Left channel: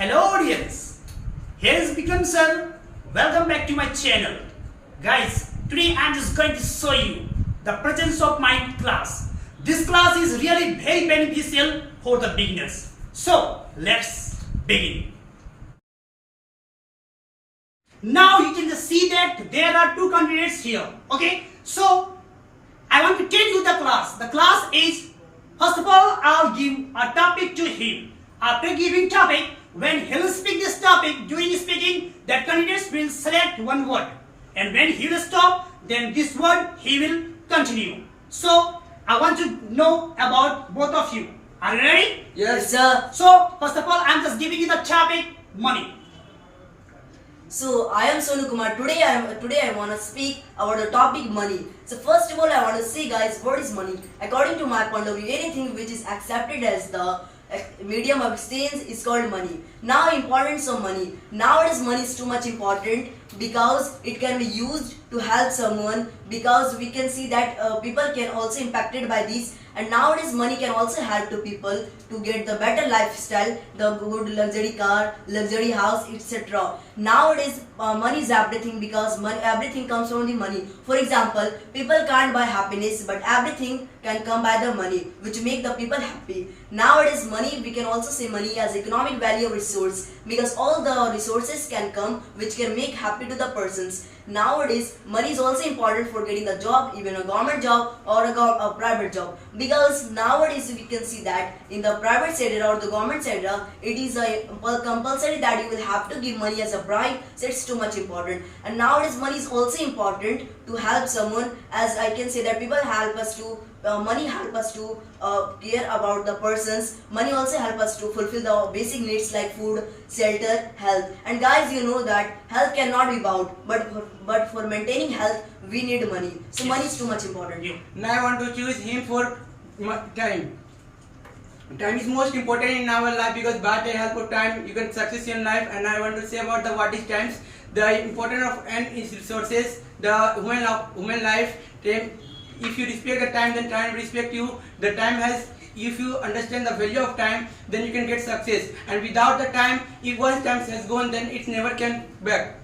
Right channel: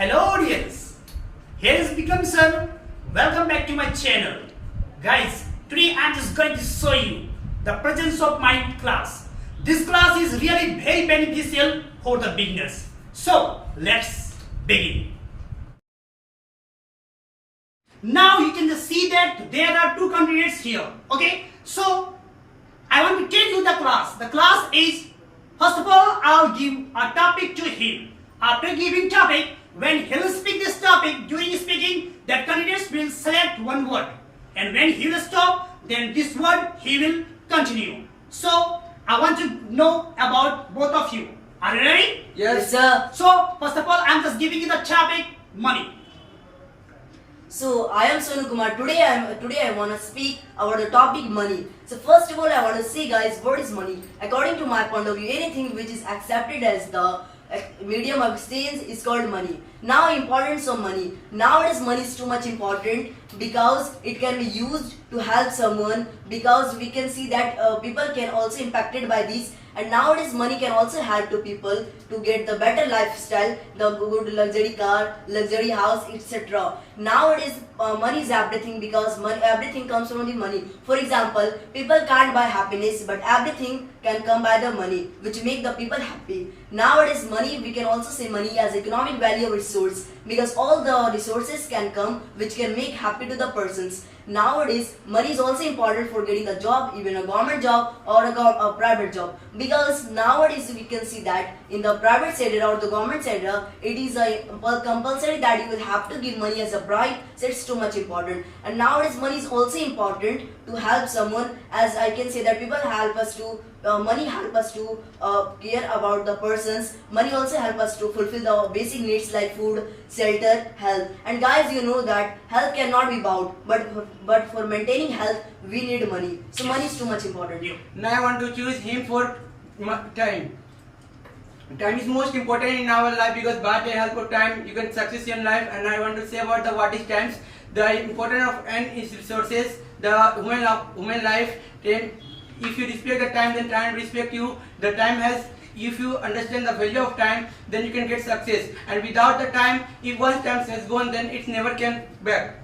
Hello audience, here is Vikram sir. Welcome back to my channel. Guys, today I am just going to show you the presence of my class. This class is really very beneficial for the beginners. So let's begin. Now you can just see that there are two candidates here. Okay, so I want to tell you the class. The class is, first of all, I'll give a topic to him. After giving topic, when he will speak this topic, during speaking, that candidate will select one word. And when he will stop, then this word he will continue. So, I want to know about both of you. Are you ready? Yes, sir. So, first of all, I'm just giving you the topic, money. So I am Sonu Kumar. Today I want to speak about the topic money. So first of all, I want to say, guys, what is money? According to my point of view, anything which is accepted as the medium of exchange is called money. Now, importance of money. Nowadays, money is too much important because it can be used to help someone. Because we can see that people can also impacted by this. And nowadays, money can also help to people to get the better lifestyle, the good luxury car, luxury house, etc. Nowadays, money is everything because everything comes from the money. For example, people can't buy happiness, but everything can come by the money, which make the people happy. Nowadays, money, we can also say money as economic value of resource because all the resources can come which can make happy to the persons. Nowadays, money is also important for getting a job, even a government job or a private job. Because nowadays we can see that in the private sector or the government sector, it is a compulsory that you will have to give money as a bribe. So it's too much important. And nowadays, money is also important to help someone. As I can say that people help us to money help us to care about the persons. Money also help us to fulfill the basic needs like food, shelter, health. And guys, you know that health cannot be bought, but for maintaining health we need money. So money is too much important. Now I want to choose him for time. Time is most important in our life because by the help of time you can success in life. And I want to say about the what is times, the importance of and its resources, the human life. If you respect the time, then time respect you. The time has, if you understand the value of time, then you can get success. And without the time, if once time has gone, then it never can back.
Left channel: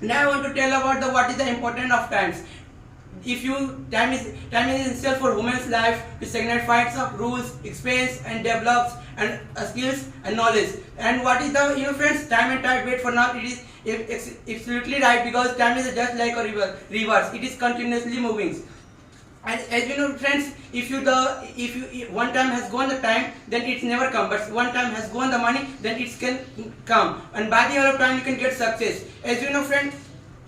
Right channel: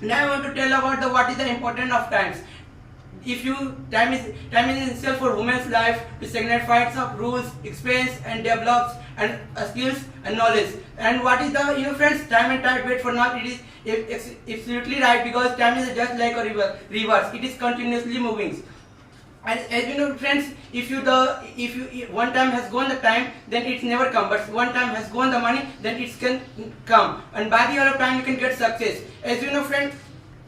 Now I want to tell about the what is the importance of times. If you time is essential for women's life to signify of rules, expense and develops and skills and knowledge. And what is the your friends time and tide wait for now? It is absolutely right because time is just like a river. It is continuously moving. As you know, friends, if one time has gone the time, then it's never come. But one time has gone the money, then it can come. And by the other time, you can get success. As you know, friends,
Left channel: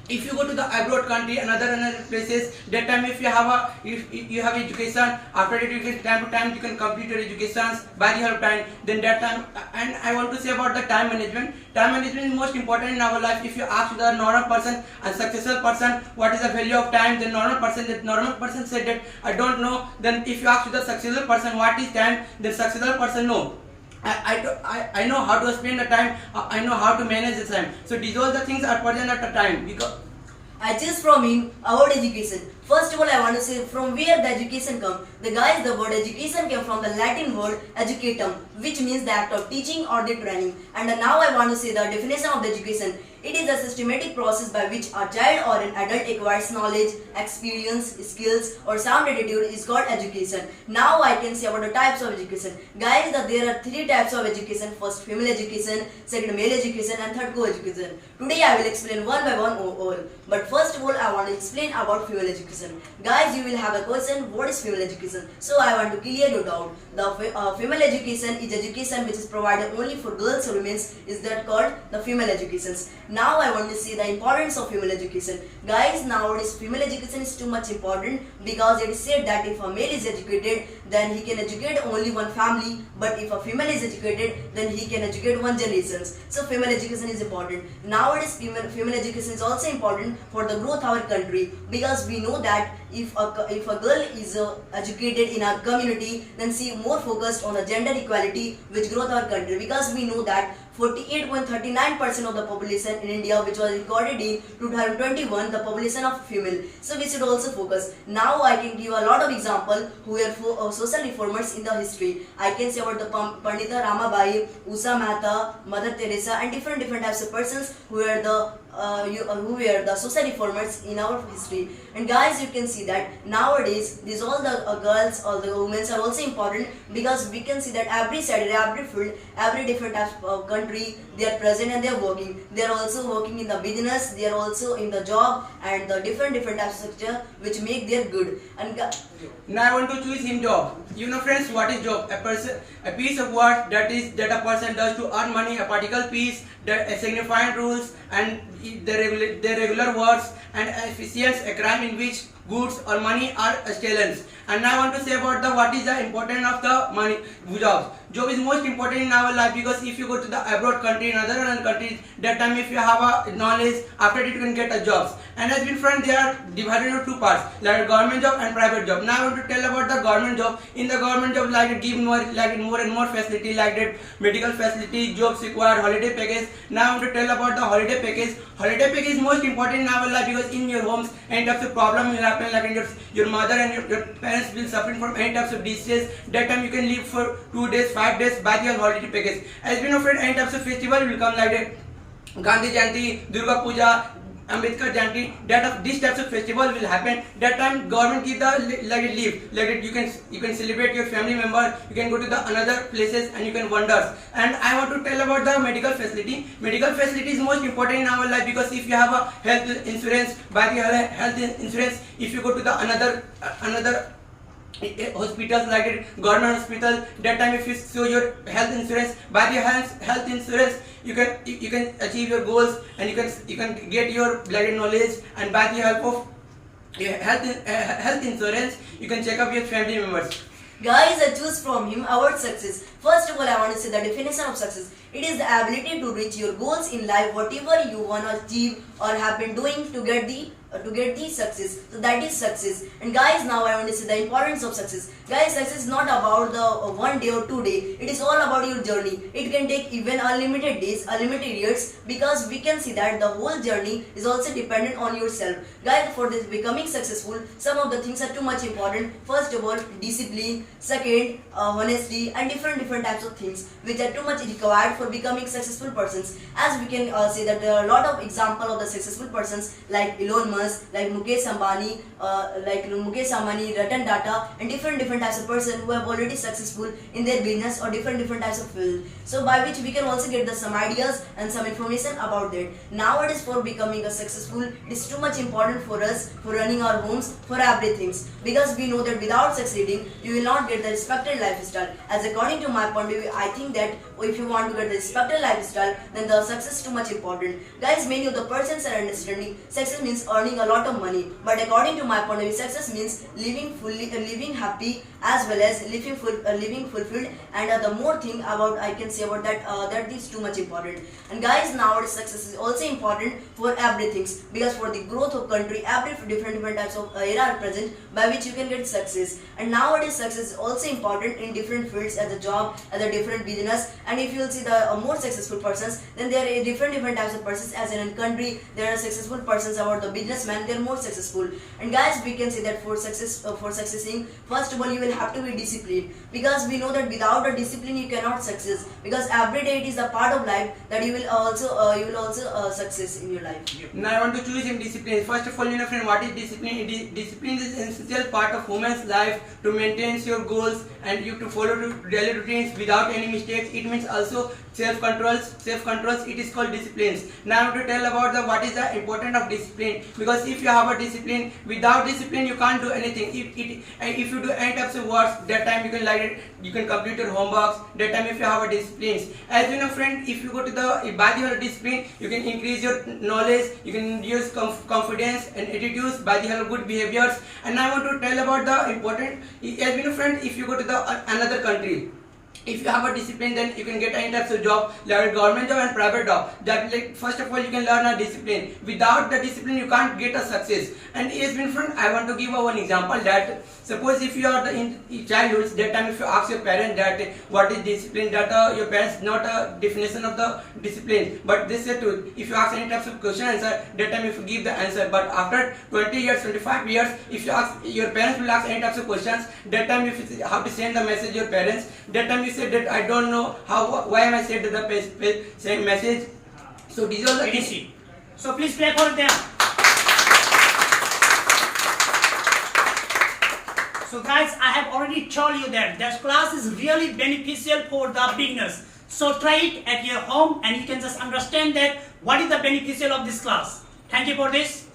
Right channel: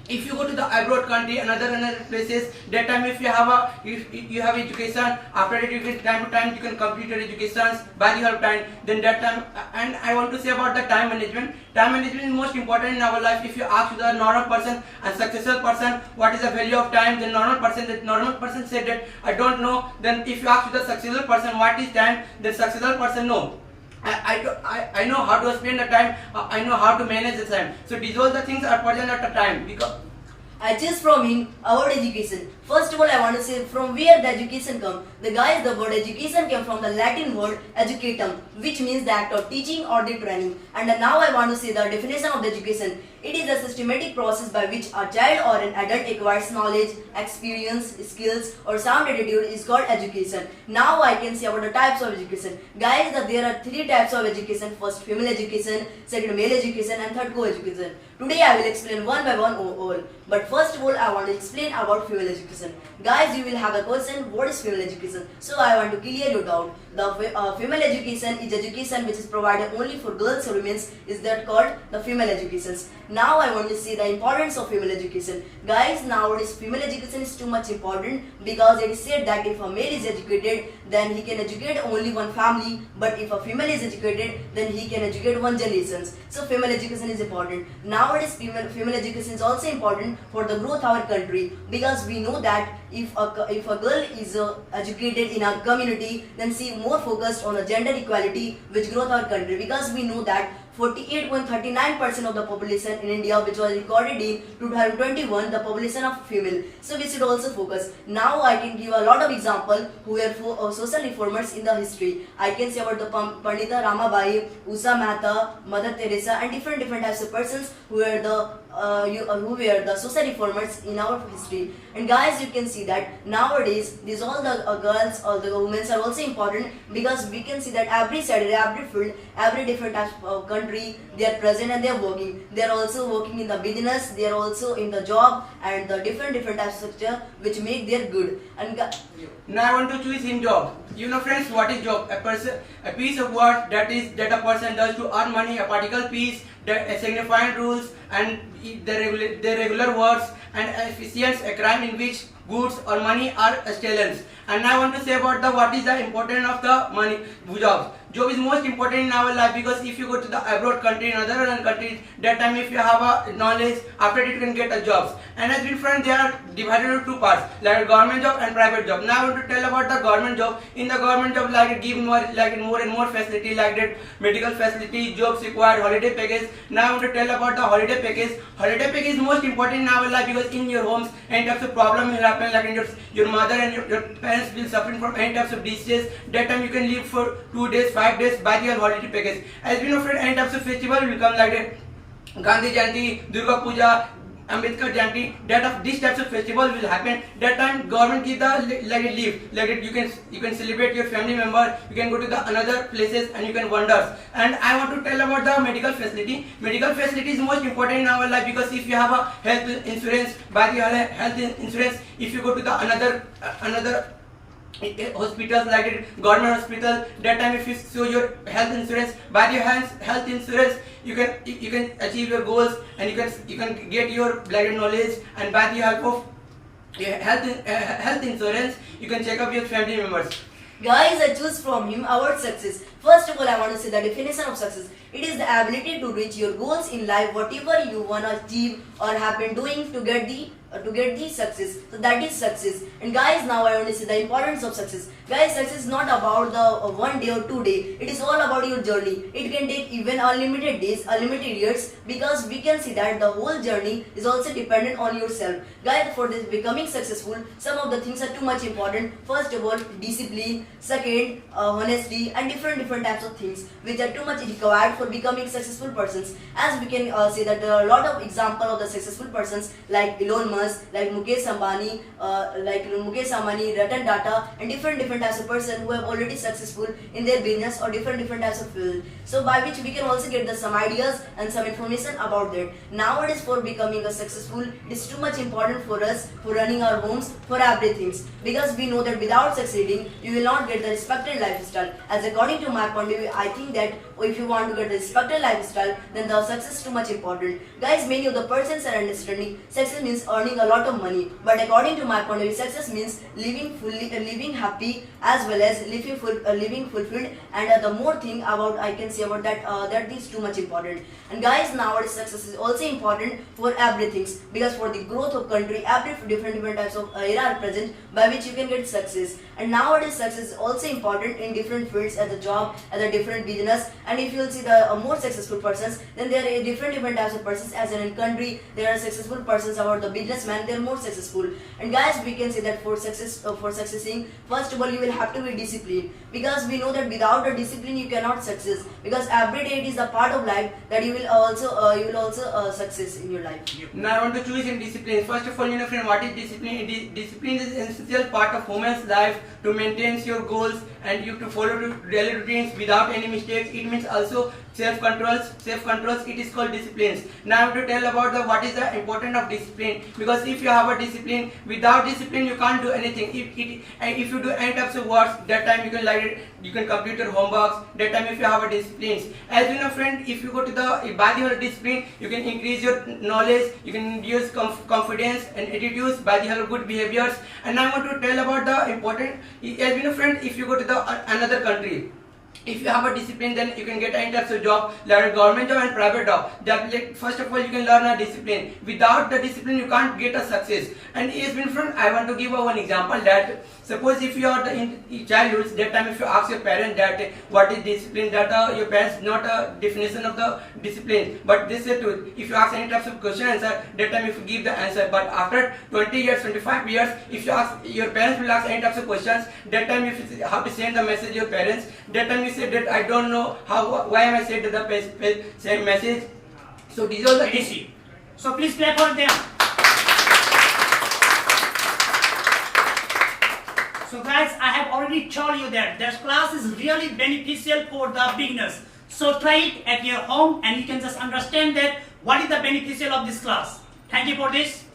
if you go to the abroad country, another places, that time if you have education, after that you can time to time you can complete your educations by the other time. Then that time, and I want to say about the time management. Time management is most important in our life. If you ask the normal person and successful person what is the value of time, the normal person said that I don't know. Then if you ask the successful person what is time, the successful person know. I know how to spend the time. I know how to manage the time. So these all the things are present at the time. Because I choose from him about education. First of all, I want to say from where the education comes. The word education came from the Latin word educatum, which means the act of teaching or the training. And now I want to say the definition of the education. It is a systematic process by which a child or an adult acquires knowledge, experience, skills or sound attitude is called education. Now I can say about the types of education. Guys, there are three types of education. First, female education, second, male education and third, co-education. Today I will explain one by one all. But first of all, I want to explain about female education. Guys, you will have a question, what is female education? So I want to clear your doubt. The female education is education which is provided only for girls or women, is that called the female educations. Now I want to see the importance of female education. Guys, nowadays female education is too much important because it is said that if a male is educated, then he can educate only one family, but if a female is educated, then he can educate one generation. So female education is important. Nowadays female education is also important for the growth of our country because we know that if a girl is educated in our community, then she more focused on the gender equality which growth our country, because we know that 48.39% of the population in India, which was recorded in 2021, the population of female. So we should also focus. Now I can give a lot of example who were social reformers in the history. I can say about the Pandita Ramabai, Usha Mehta, Mother Teresa, and different types of persons who were the social reformers in our history. And guys, you can see that nowadays these all the girls or the women are also important, because we can see that every Saturday, every field, every different types of country, they are present and they are working. They are also working in the business, they are also in the job, and the different types of structure which make their good. And now I want to choose him job. You know friends, what is job? A piece of work that a person does to earn money, a particular piece, that signifying rules and the regular works, and efficiency, a crime in which goods or money are stolen. And now I want to say about what is the importance of the money job. Job is most important in our life, because if you go to the abroad country, in other countries, that time if you have a knowledge, after it you can get a jobs. And as different, they are divided into two parts, like government job and private job. Now I want to tell about the government job. In the government job, like it give more and more facility, like that medical facility, jobs required, holiday package. Now I want to tell about the holiday package. Holiday package is most important in our life, because in your homes, any types of problem will happen, like in your mother and your parents will suffer from any types of diseases. That time you can live for 2 days, 5 days by your holiday package. As we know, friend, any types of festival will come, like that Gandhi Jayanti, Durga Puja, Ambedkar Jayanti. That of these types of festival will happen. That time government give the like a leave, like that you can celebrate your family member, you can go to the another places and you can wonders. And I want to tell about the medical facility. Medical facility is most important in our life, because if you have a health insurance, by the health insurance, if you go to the another hospitals, like it, government hospital, that time if you show your health insurance, by the health insurance you can achieve your goals, and you can get your knowledge, and by the help of health insurance you can check up your family members. guys, I choose from him our success. First of all, I want to say the definition of success. It is the ability to reach your goals in life, whatever you want to achieve or have been doing to get the success. So that is success. And guys, now I want to say the importance of success. Guys, success is not about the 1 day or 2 days. It is all about your journey. It can take even unlimited days, unlimited years, because we can see that the whole journey is also dependent on yourself. Guys, for this becoming successful, some of the things are too much important. First of all, discipline. Second, honesty, and different types of things which are too much required for becoming successful persons. As we can say that there are a lot of examples of the successful persons, like Elon Musk, like Mukesh Ambani, Ratan Tata, and different types of persons who have already successful in their business or different types of field. So by which we can also get some ideas and some information about that. Nowadays, for becoming a successful, it is too much important for us, for running our homes, for everything, because we know that without succeeding, you will not get the respected lifestyle. As according to my point of view, I think that if you want to get the respected lifestyle, then the success is too much important. Guys, many of the persons are understanding success means earning a lot of money, but according to my point of view, success means living fully, living happy, as well as living fulfilled. And the more thing about I can say about that, that is too much important. And guys, nowadays success is also important for everything, because for the growth of country, every different types of era are present by which you can get success. And nowadays success is also important in different fields, as a job, as a different business. And if you will see the more successful persons, then there are different types of persons. As in country, there are successful persons about the businessman, they are more successful. And guys, we can say that for succeeding, first of all, you will have to be disciplined, because we know that without a discipline you cannot success, because every day it is a part of life that you will also success in your life. Now I want to choose in discipline. First of all, friend, what is discipline? Discipline is an essential part of human's life to maintain your goals and you to follow daily routines without any mistakes. It means also self-controls. It is called disciplines. Now I want to tell about what is the importance of discipline, because if you have a discipline, without discipline you can't do anything. If you do any types of works, that time you can complete your homeworks. That time if you have a disciplines, as you know, friend, if you go to the by the help of discipline, you can increase your knowledge, you can use confidence and attitudes by the help of good behaviors. And now I want to tell about the important, as you know, friend, if you go to the another country, if you have a discipline, then you can get any types of job, like government job and private job. That, like, first of all, you can learn a discipline. Without the discipline, you can't get a success. And yes, in front, I want to give one example that suppose if you are in childhood, that time if you ask your parents that what is discipline, that your parents not a definition of the discipline, but they say to, if you ask any types of question answer, that time if you give the answer. But after 20 years, 25 years, if you ask, your parents will ask any types of questions, that time if you have to send the message to your parents, that time you say that I don't know why am I said the same message. So these are the things. So please clap for them. So guys, I have already told you that this class is really beneficial for the beginners. So try it at your home and you can just understand that what is the beneficial of this class. Thank you for this.